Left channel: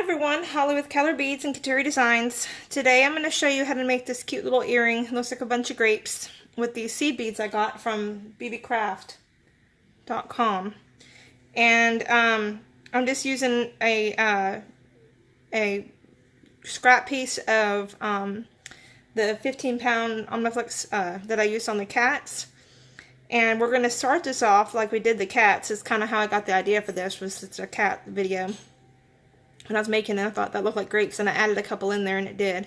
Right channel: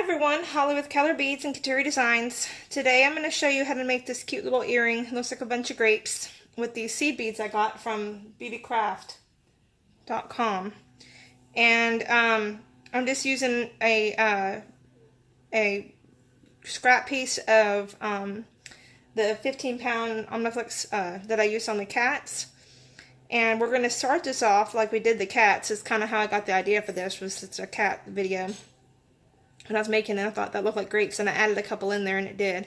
everyone, Holly with Keller Beads and Kateri Designs. Today I'm going to show you how to make this cute little earring. It looks like a bunch of grapes with these seed beads I got from bbcraft.com. And I'm just using a scrap piece of the 15-pound Omniflix that I used on the cats. And we're going to start this off like we did the cats. It's kind of how I got the idea for this, was it's a cat video. When I was making it, I thought that looked like grapes, and I added a couple in there, and it did.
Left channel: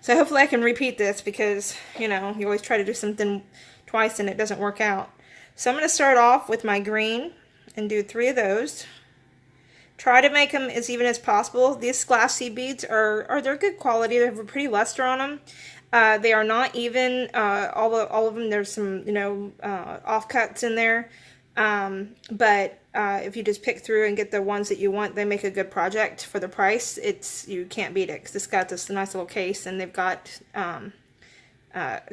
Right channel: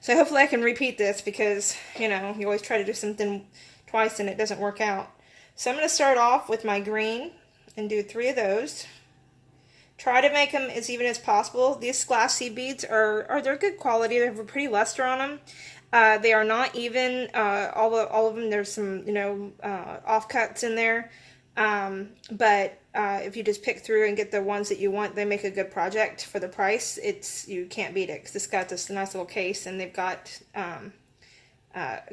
So hopefully I can repeat this, because, you know, you always try to do something twice and it doesn't work out. So I'm going to start off with my green and do 3 of those. Try to make them as even as possible. These glass seed beads they're good quality. They have a pretty luster on them. They are not even, all of them, there's some, you know, offcuts in there. But if you just pick through and get the ones that you want, they make a good project for the price. You can't beat it, because it's got this nice little case, and they've got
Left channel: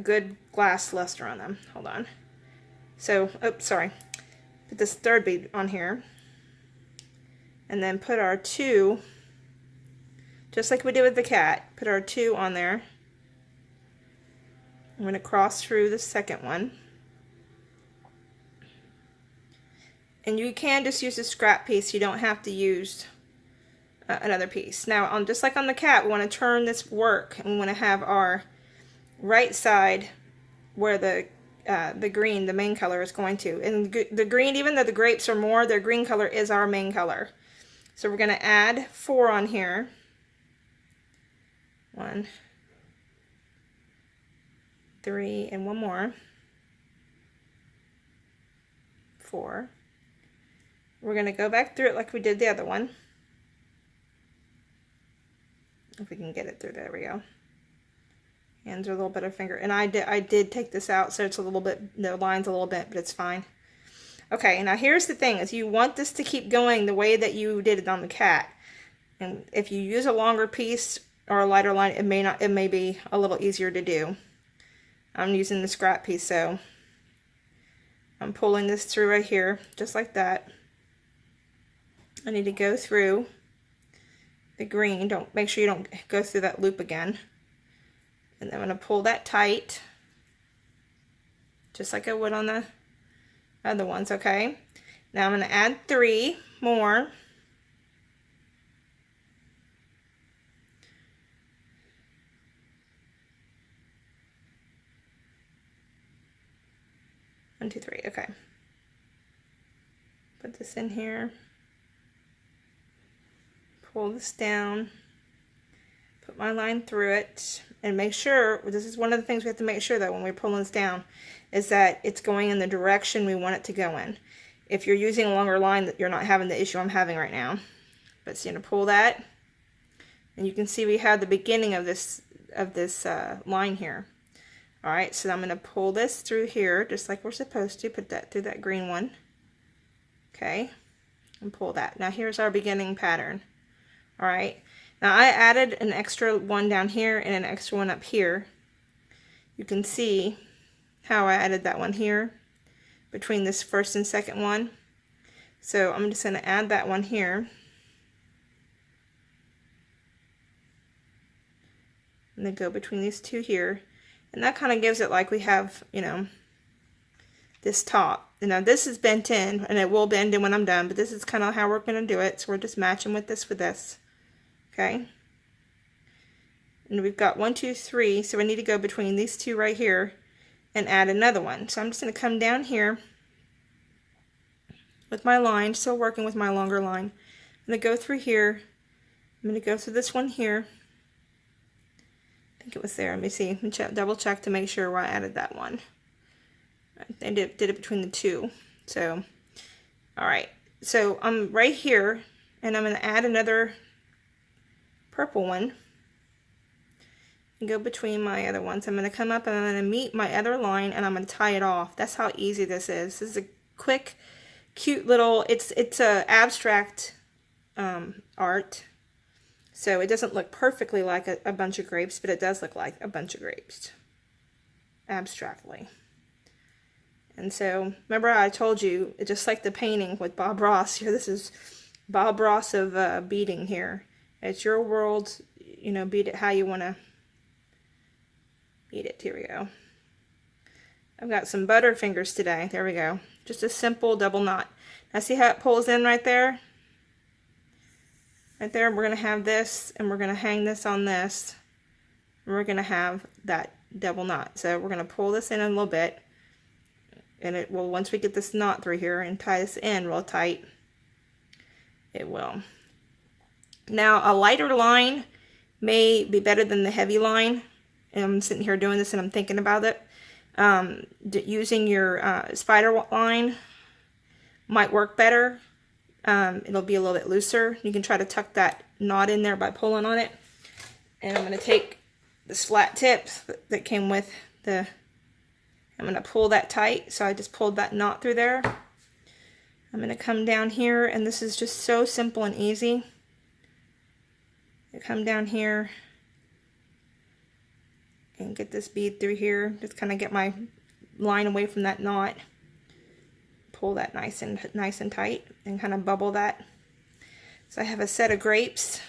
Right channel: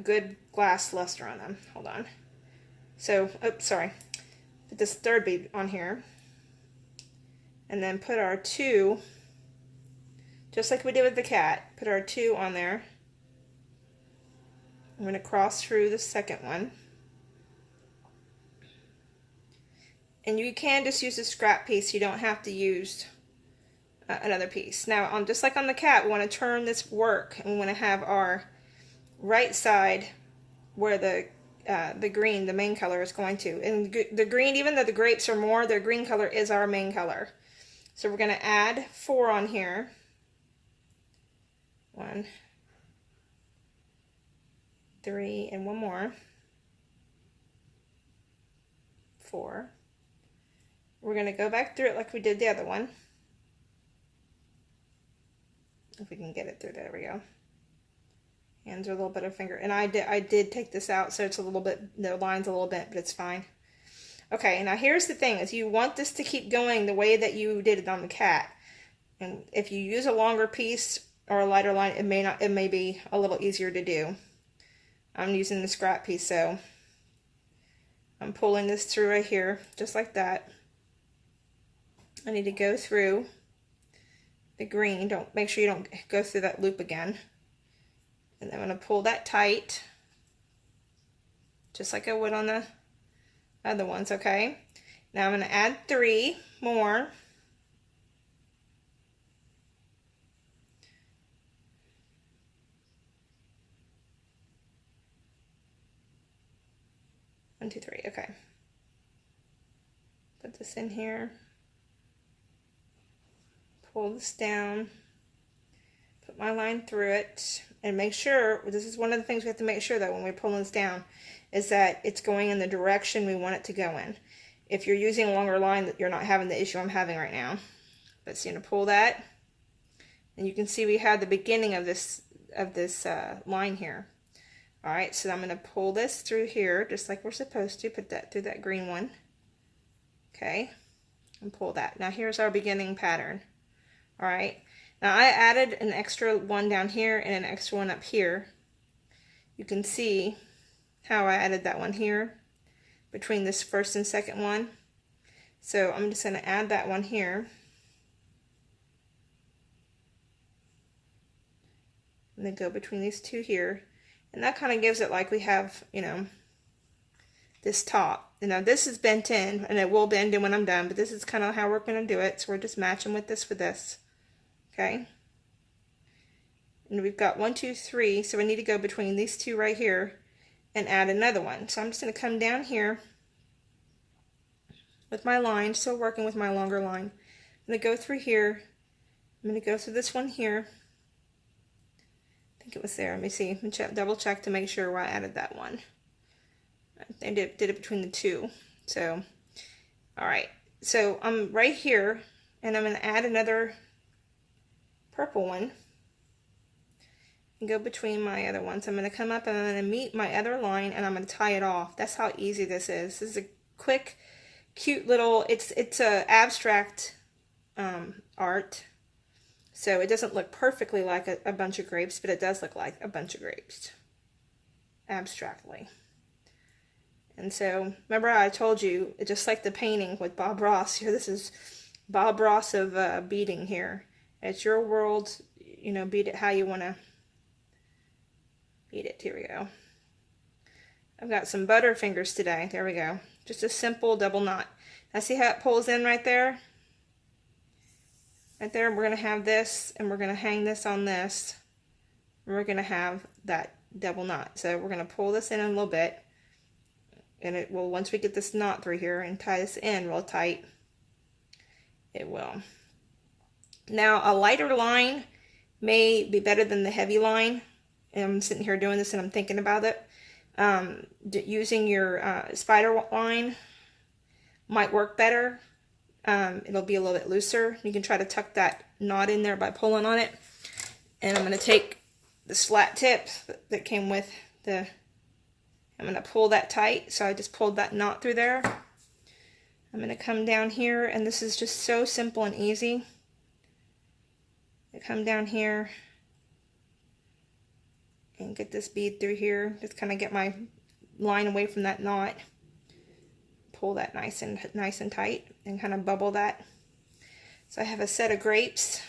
good glass luster on them. Hold on. So, oops, sorry. Put this 3rd bead on here, and then put our 2, just like we did with the cat. Put our 2 on there. I'm going to cross through the 2nd one. And you can just use a scrap piece. You don't have to use another piece. Now, just like on the cat, we want to turn this work, and we want to have our right side where the green, the main color, is going to. And the green, even though the grapes are more, their green color is our main color. So we're going to add 4 on here. 1, 3, and 1 more. 4. We're going to go back through it like we did the other one. If we can get it through, there we go. Hands are a little bit of finger. And I did take this out, so it's a little bit, the line's a little bent, but it's fine. Okay, now here's the thing, is you want this to keep going the way that you did it on the cat. And if you use a longer piece or a lighter line, it may be a little easier to do. I'm using the scrap piece, so I'm pulling this through right here, just like that. I need to go through the green. Make sure you don't go through that loop again. And then I'm going to pull that tight, just like I would on the other ones, okay? Now I'm going to add 3 more. One, two, 3, okay. Put this in here. Pull this down, put my line through it, and make sure, this is one of the things we have to make sure that when we pull this down, is that it's going in the direction we want it to go in. If you're using a longer line, you're not having the issue I'm having right now. But so you're going to pull that, and you can see we have the beginning of this line here. Alright, so I'm going to pull this through here, just like we're supposed to, put that through that green one. Okay, and pull that. Now here's our beginning pattern. Alright, now I added an extra one down here and an extra one up here. You can see how I added that one here between this 1st and 2nd one. So I'm just going to add that one here. And then go between these 2 here. And that kind of gives it like we have, you know, this top. You know, this is bent in, and it will bend in when I'm done, but this is kind of how we're going to do it. So we're just matching with this. Okay, and we've got 1, 2, 3, so I need to go between these 2 right here and add another one. So I'm just going to come down here with my line, still working with my longer line. I'm going to go through here. I'm going to go through this one here. I think it was there. Let me see. Double check to make sure where I added that one. I did it between the 2. So, alright. So I'm right here, and I'm going to add another purple one and go between my other ones. I'm going to come up and I'm going to meet my other line, and I'm going to tie it off. That's how easy this is. This is a quick, cute little, it's a abstract art, so it doesn't look perfectly like a bunch of grapes, but it does look like a bunch of grapes abstractly. And so, remember I told you, just like the painting with Bob Ross, here this is Bob Ross of beading here. It's your world, you know, bead it how you want to bead it. Here we go. I've got some butter fingers today. There we go. Just a simple double knot. Now see how it pulls in right there? Right there, we're going to have this, and we're going to hang this on this. And we're going to have that double knot. So we're going to pull this in a little bit, and it will, once we get this knot through here and tie this in real tight, it will. Now a lighter line may be better than the heavy line. And I'm sitting here doing this and I'm thinking about it. Using your spider line might work better. It'll be a little bit looser. You can try to tuck that knot in there by pulling on it. And I'm going to take this flat tip that came with the, I'm going to pull that tight. So I just pulled that knot through there. I'm going to come down here, and this is just so simple and easy. I come down here and get this bead through here. Just kind of get my line away from that knot. Pull that nice and tight, and kind of bubble that. So I have a set of grapes.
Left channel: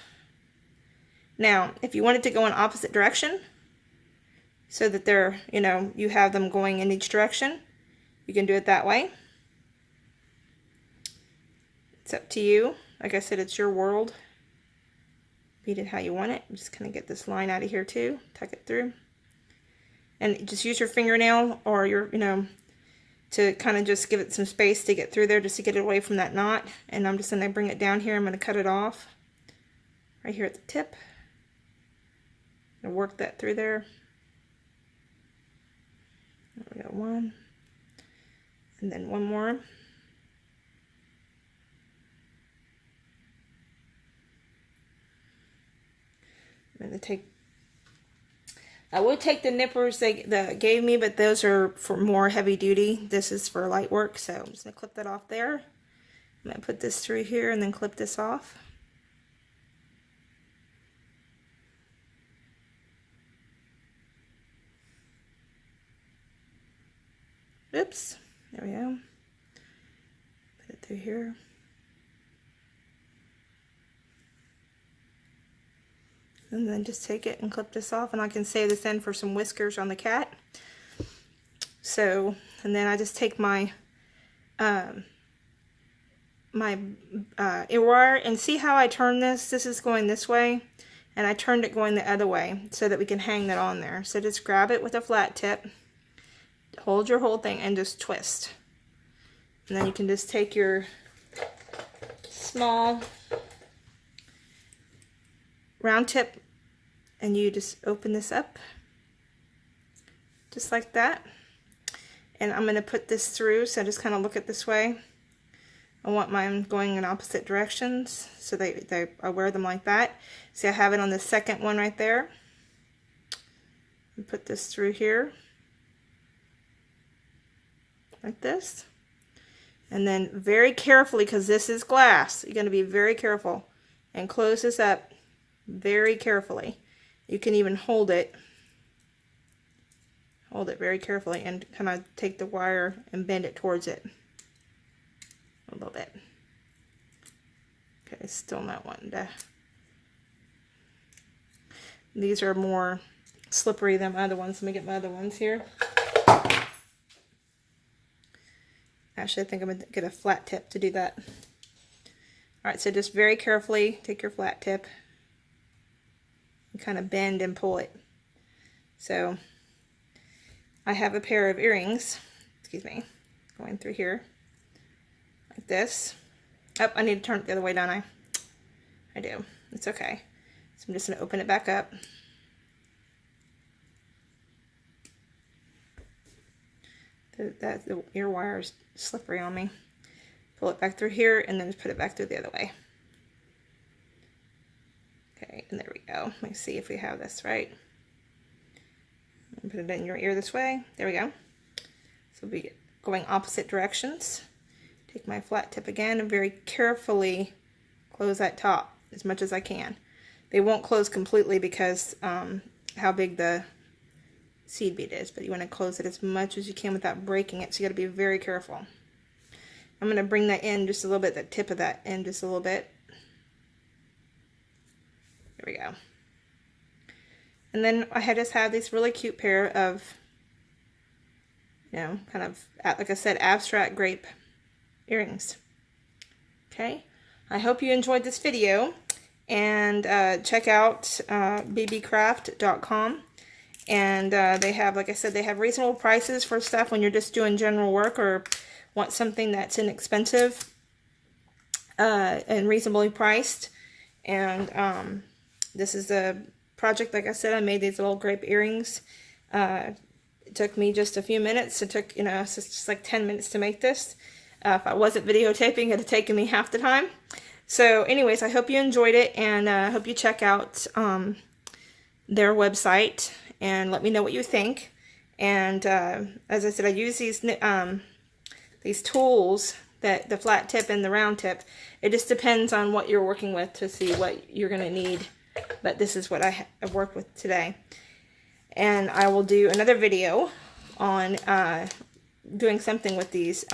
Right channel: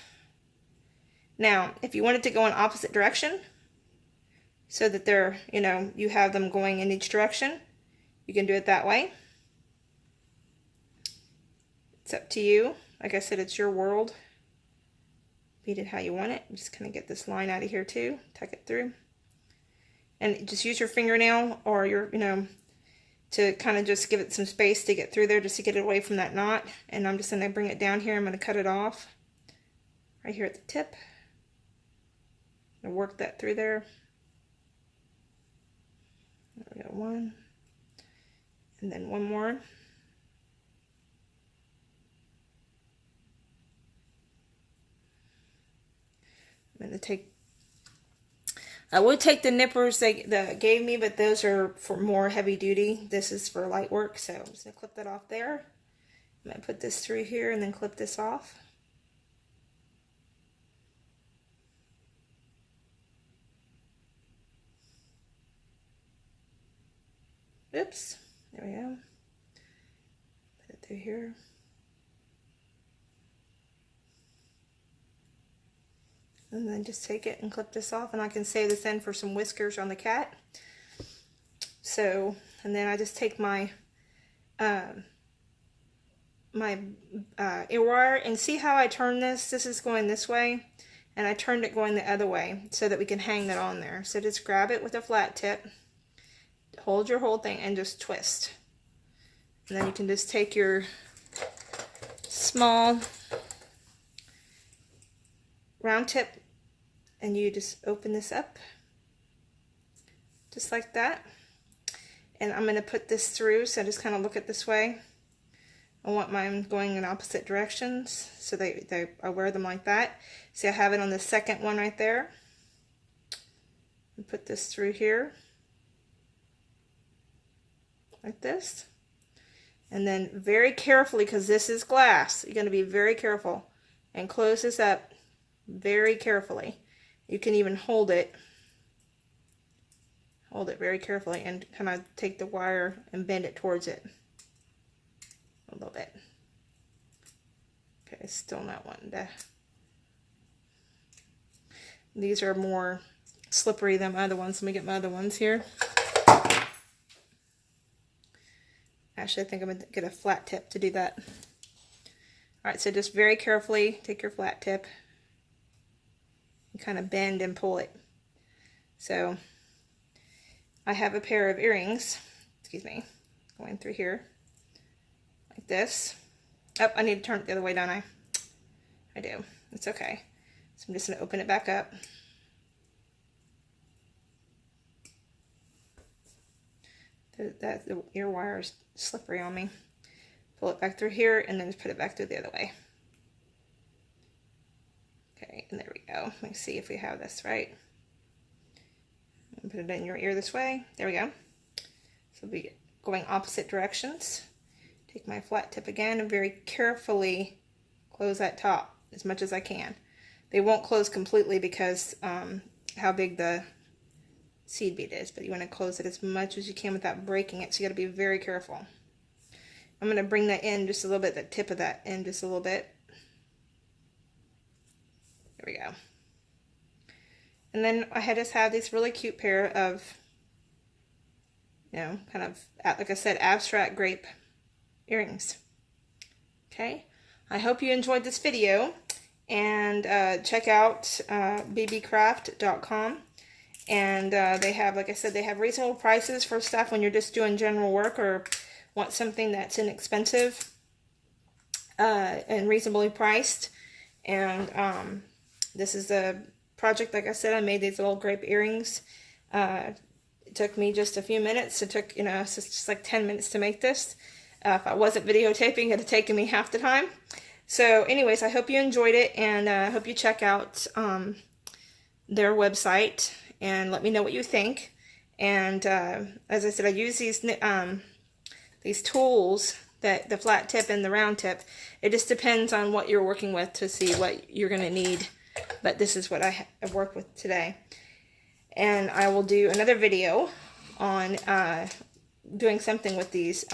Now, if you wanted to go in opposite direction, so that they're, you know, you have them going in each direction, you can do it that way. It's up to you. Like I said, it's your world. Bead it how you want it. Just kind of get this line out of here too. Tuck it through. And just use your fingernail or your, you know, to kind of just give it some space to get through there, just to get it away from that knot. And I'm just going to bring it down here. I'm going to cut it off right here at the tip. I'm going to work that through there. There we go, one. And then one more. I'm going to take, I would take the nippers they gave me, but those are for more heavy duty. This is for light work, so I'm just going to clip that off there. I'm going to put this through here and then clip this off. Oops, there we go. Put it through here. And then just take it and clip this off, and I can save this in for some whiskers on the cat. So, and then I just take my ear wire, and see how I turn this? This is going this way, and I turned it going the other way so that we can hang that on there. So just grab it with a flat tip, hold your whole thing, and just twist. And then you can just take your small round tip, and you just open this up just like that. And I'm going to put this through, so just kind of look it this way. I want mine going in opposite directions, so I wear them like that. See, I have it on the second one right there. And put this through here like this. And then very carefully, because this is glass, you're going to be very careful and close this up very carefully. You can even hold it very carefully and kind of take the wire and bend it towards it a little bit. Okay, still not wanting to. These are more slippery than my other ones. Let me get my other ones here. Actually, I think I'm going to get a flat tip to do that. Alright, so just very carefully take your flat tip and kind of bend and pull it. So I have a pair of earrings, excuse me, going through here like this. Oh, I need to turn it the other way, don't I? I do. It's okay. So I'm just going to open it back up. The ear wire is slippery on me. Pull it back through here and then just put it back through the other way. Okay, and there we go. Let me see if we have this right. And put it in your ear this way. There we go. So we'll be going opposite directions. Take my flat tip again and very carefully close that top as much as I can. They won't close completely because how big the seed bead is, but you want to close it as much as you can without breaking it, so you got to be very careful. I'm going to bring that in just a little bit, the tip of that in just a little bit. There we go. And then I just have these really cute pair of, you know, kind of, like I said, abstract grape earrings. Okay, I hope you enjoyed this video, and check out bbcraft.com, and they have, like I said, they have reasonable prices for stuff when you're just doing general work or want something that's inexpensive and reasonably priced. And this is a project, like I said, I made these little grape earrings. It took me just a few minutes. It took, you know, it's just like 10 minutes to make this. If I wasn't videotaping, it would have taken me half the time. So anyways, I hope you enjoyed it, and I hope you check out their website and let me know what you think. And as I said, I use these tools, that the flat tip and the round tip. It just depends on what you're working with to see what you're going to need. But this is what I have worked with today. And I will do another video on doing something with these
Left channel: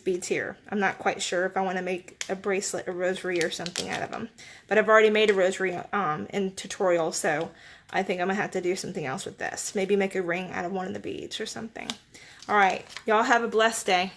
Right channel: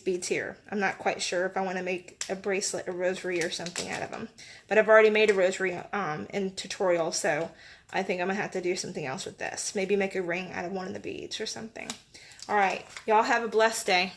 beads here. I'm not quite sure if I want to make a bracelet, a rosary, or something out of them. But I've already made a rosary in tutorial, so I think I'm going to have to do something else with this. Maybe make a ring out of one of the beads or something. Alright, y'all have a blessed day.